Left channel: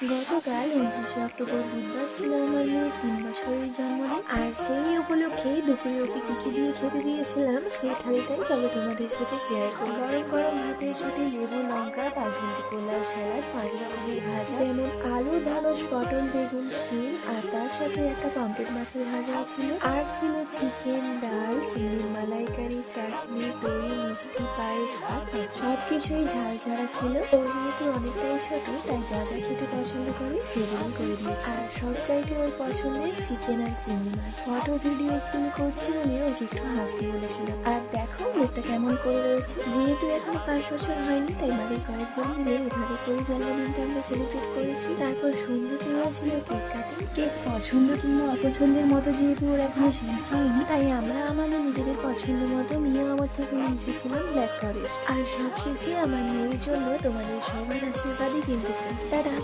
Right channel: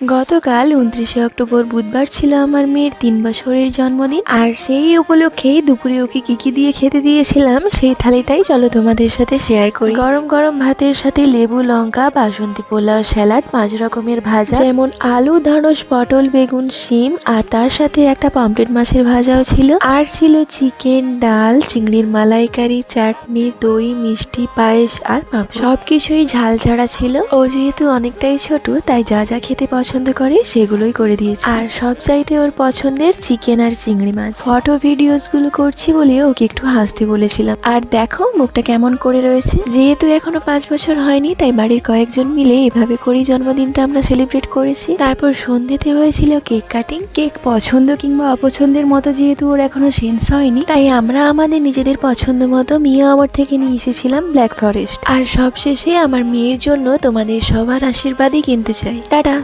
গতকাল ২৯শে অক্টোবর বুধবার ছিল আমার মেয়ের ৩ বছরের জন্মদিন। আর সেই উপলক্ষেই দুপুরে ওকে কি দিয়ে খেতে দিয়েছিলাম সেই থালিটাই চলো তোমাদের সাথে শেয়ার করি। গরম গরম ভাতের সাথে লেবু, লঙ্কা, বাসন্তী পোলাও, স্যালাড, ৫ রকমের ভাজা, যেমন আলু, ঢ্যাঁড়স, পটল, বেগুন, শিম, আর তার সাথে একটা পামফ্লেট মাছের ভাজাও ছিল। আর ছিল চিকেন, ডাল, চিংড়ির মালাইকারি, চাটনি, দই, মিষ্টি, পায়েস আর পাঁপড়। সবকিছুই ঝাল ছাড়া ছিল। ও যেহেতু অনেকটাই ছোট তাই যা যা খেতে পছন্দ করে সেগুলোই করে দিয়েছি। আর সব চাইতে ওর পছন্দের চিকেন আর চিংড়ি মাছ। ফটো ভিডিওস গুলো করছি বলে ওকে একটু হাসতে বলেছিলাম। আর দেখো মুখটা কেমন করে রয়েছে। যেহেতু এখনো ৫ বছর হয়নি তাই বাড়ির কয়েকজন মিলে এভাবে করেই জন্মদিনটা আমরা সেলিব্রেট করেছি। তারপর সন্ধ্যেতে হয়েছিল কেক কাটিং। কেক পছন্দ কিংবা অপছন্দের মতো যেহেতু ওর এখনো সেন্স হয়নি তাই আমরা আমাদের নিজেদের পছন্দ মতো মিয়া আওয়ার থেকে নিয়ে এসেছিলাম ব্ল্যাক ফরেস্ট। আর সবশেষে আমার মেয়ের জন্য তোমাদের সবার আশীর্বাদই কিন্তু চাই। টাটা।